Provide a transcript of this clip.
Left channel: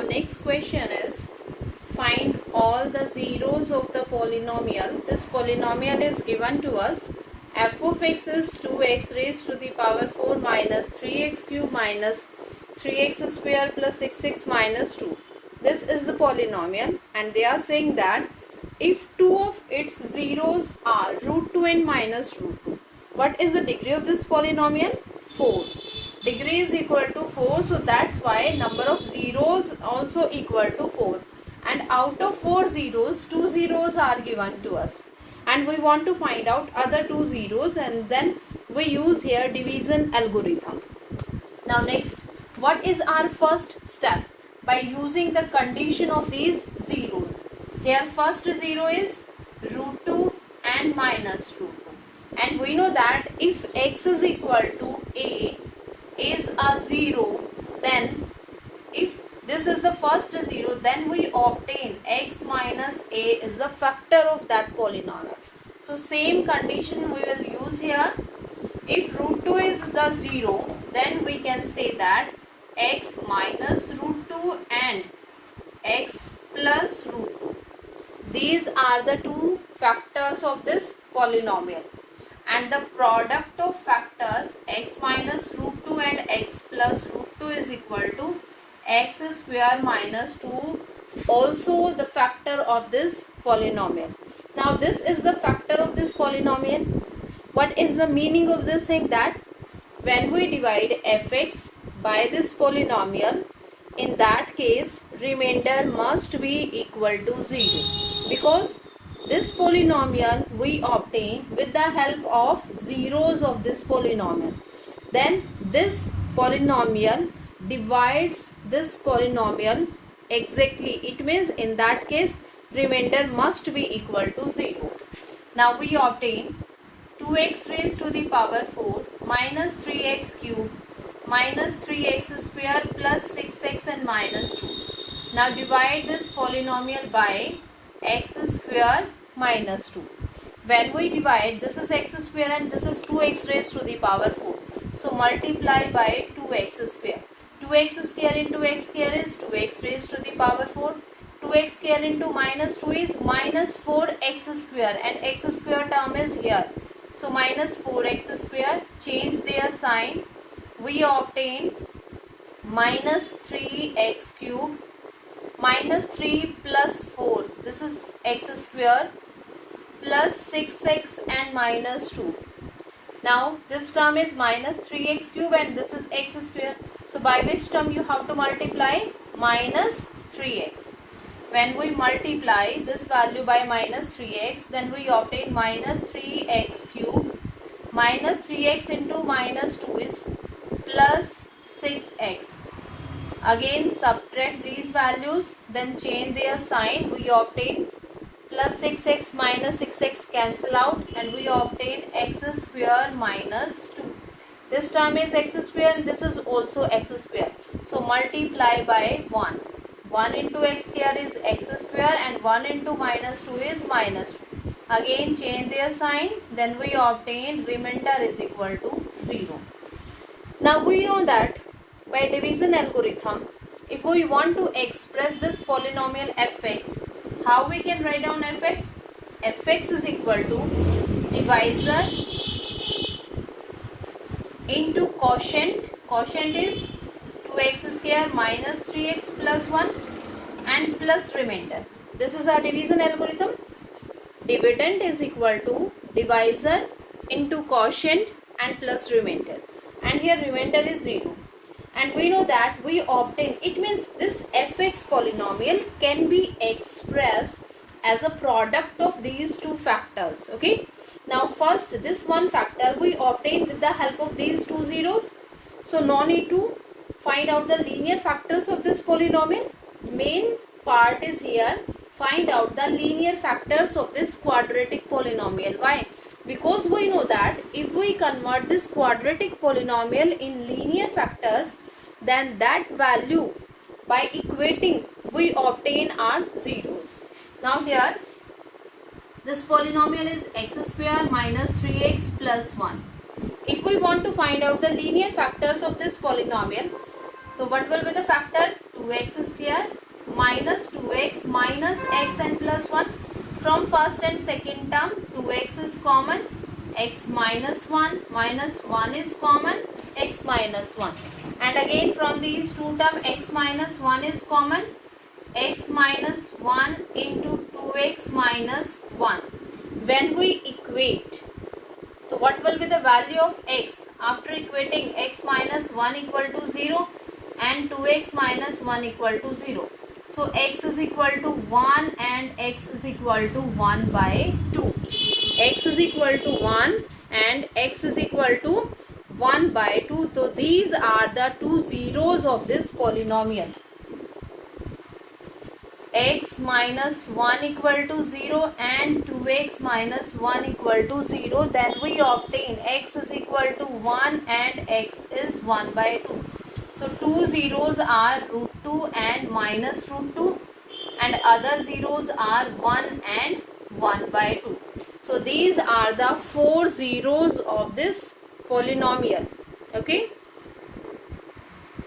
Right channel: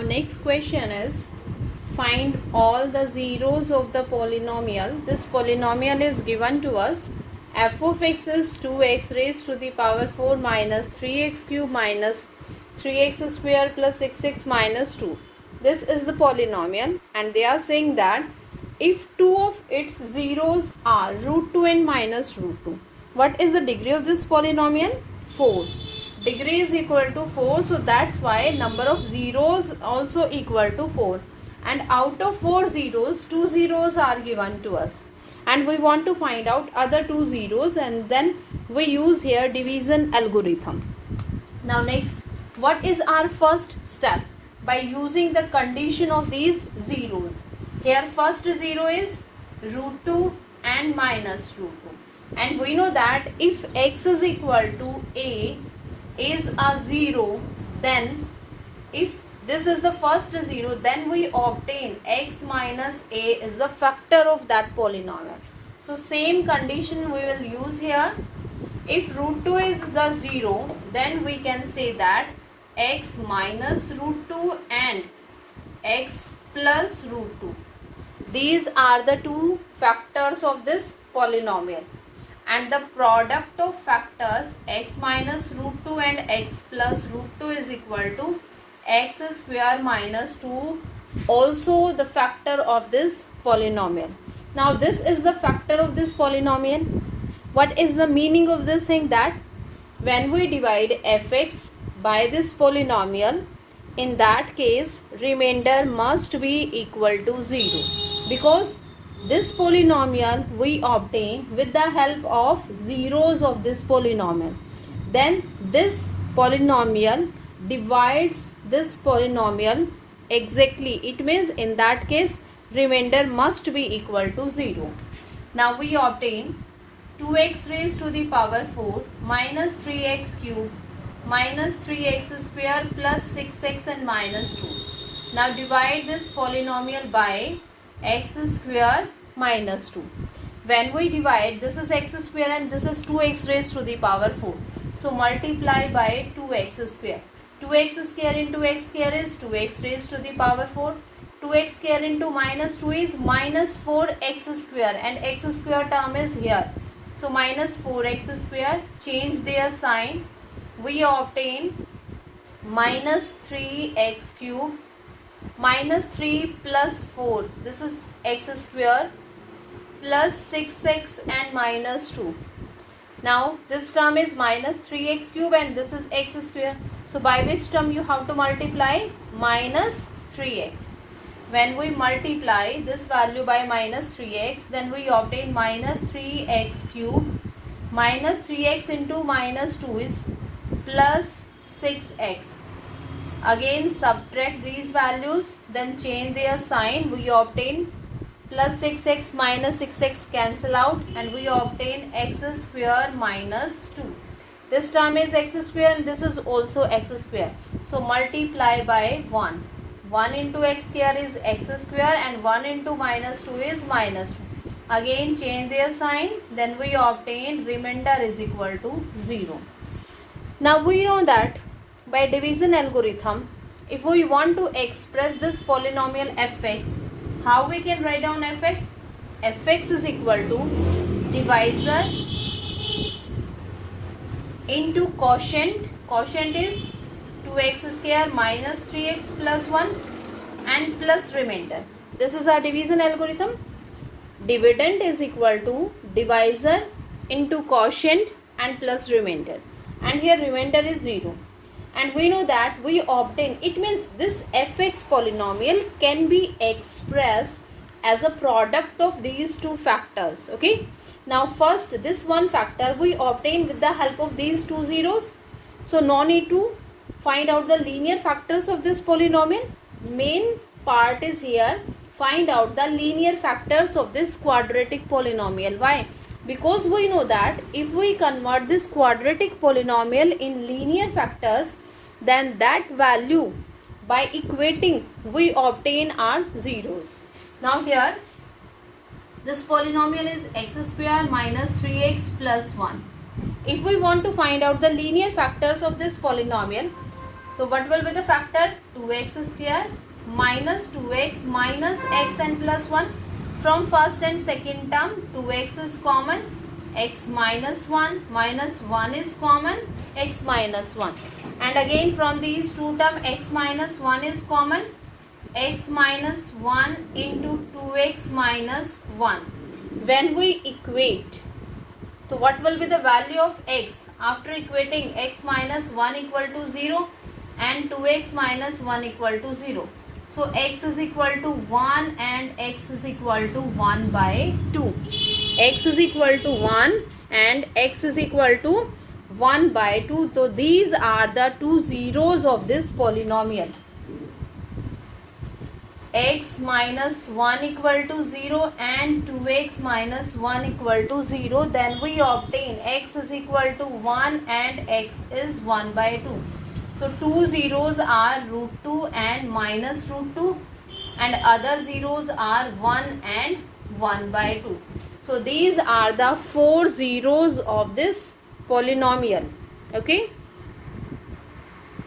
Now next question is, find all the zeros of the polynomial. This polynomial is given to us. F of x is 2x raised to the power 4 minus 3x cube minus 3x square plus 6x minus 2. This is the polynomial, and they are saying that if two of its zeros are root 2 and minus root 2, what is the degree of this polynomial? 4. Degree is equal to 4, so that's why number of zeros also equal to 4. And out of 4 zeros, 2 zeros are given to us. And we want to find out other 2 zeros, and then we use here division algorithm. Now next, what is our first step? By using the condition of these zeros. Here first zero is root 2 and minus root 2. And we know that if x is equal to a is a 0, then if this is the first 0, then we obtain x minus a is the factor of that polynomial. So same condition we will use here. If root 2 is the 0, then we can say that x minus root 2 and x plus root 2. These are the two factors of this polynomial. And the product of factors x minus root 2 and x plus root 2 is equal to x square minus 2, also the factor of this polynomial. Now this is the factor of this polynomial. What is the meaning of this thing? That when we divide fx by this polynomial, in that case remainder must be equal to 0, because this polynomial we obtain with the help of zeros of this polynomial. Then this polynomial divides this polynomial exactly. It means in that case remainder must be equal to 0. Now we obtain 2x raised to the power 4 minus 3x cube minus 3x square plus 6x and minus 2. Now divide this polynomial by x square minus 2. When we divide, this is x square and this is 2x raised to the power 4. So multiply by 2x square. 2x square into x square is 2x raised to the power 4. 2x square into minus 2 is minus 4x square, and x square term is here. So minus 4x square, change their sign. We obtain minus 3x cube minus 3 plus 4, this is x square, plus 6x and minus 2. Now this term is minus 3x cube and this is x square. So by which term you have to multiply? Minus 3x. When we multiply this value by minus 3x, then we obtain minus 3x cube minus 3x into minus 2 is plus 6x. Again subtract these values, then change their sign. We obtain plus 6x minus 6x cancel out, and we obtain x square minus 2. This term is x square and this is also x square. So multiply by 1. 1 into x square is x square and 1 into minus 2 is minus 2. Again change their sign, then we obtain remainder is equal to 0. Now we know that by division algorithm, if we want to express this polynomial fx, how we can write down fx? Fx is equal to divisor into quotient. Quotient is 2x square minus 3x plus 1 and plus remainder. This is our division algorithm. Dividend is equal to divisor into quotient and plus remainder. And here remainder is 0. And we know that we obtain, it means this fx polynomial can be expressed as a product of these two factors. Okay. Now first this one factor we obtain with the help of these two zeros. So no need to find out the linear factors of this polynomial. Main part is here, find out the linear factors of this quadratic polynomial. Why? Because we know that if we convert this quadratic polynomial in linear factors, then that value by equating we obtain our zeros. Now here this polynomial is x square minus 3x plus 1. If we want to find out the linear factors of this polynomial, So what will be the factor? 2x square minus 2x minus x and plus 1. From first and second term, 2x is common, x minus 1 minus 1 is common, x minus 1. And again from these two terms, x minus 1 is common, x minus 1 into 2x minus 1. When we equate, so what will be the value of x? After equating, x minus 1 equal to 0 and 2x minus 1 equal to 0. So x is equal to 1 and x is equal to 1 by 2. X is equal to 1 and x is equal to 1 by 2. So these are the two zeros of this polynomial. X minus 1 equal to 0 and 2x minus 1 equal to 0. Then we obtain x is equal to 1 and x is 1 by 2. So two zeros are root 2 and minus root 2, and other zeros are 1 and 1 by 2. So these are the four zeros of this polynomial. Okay.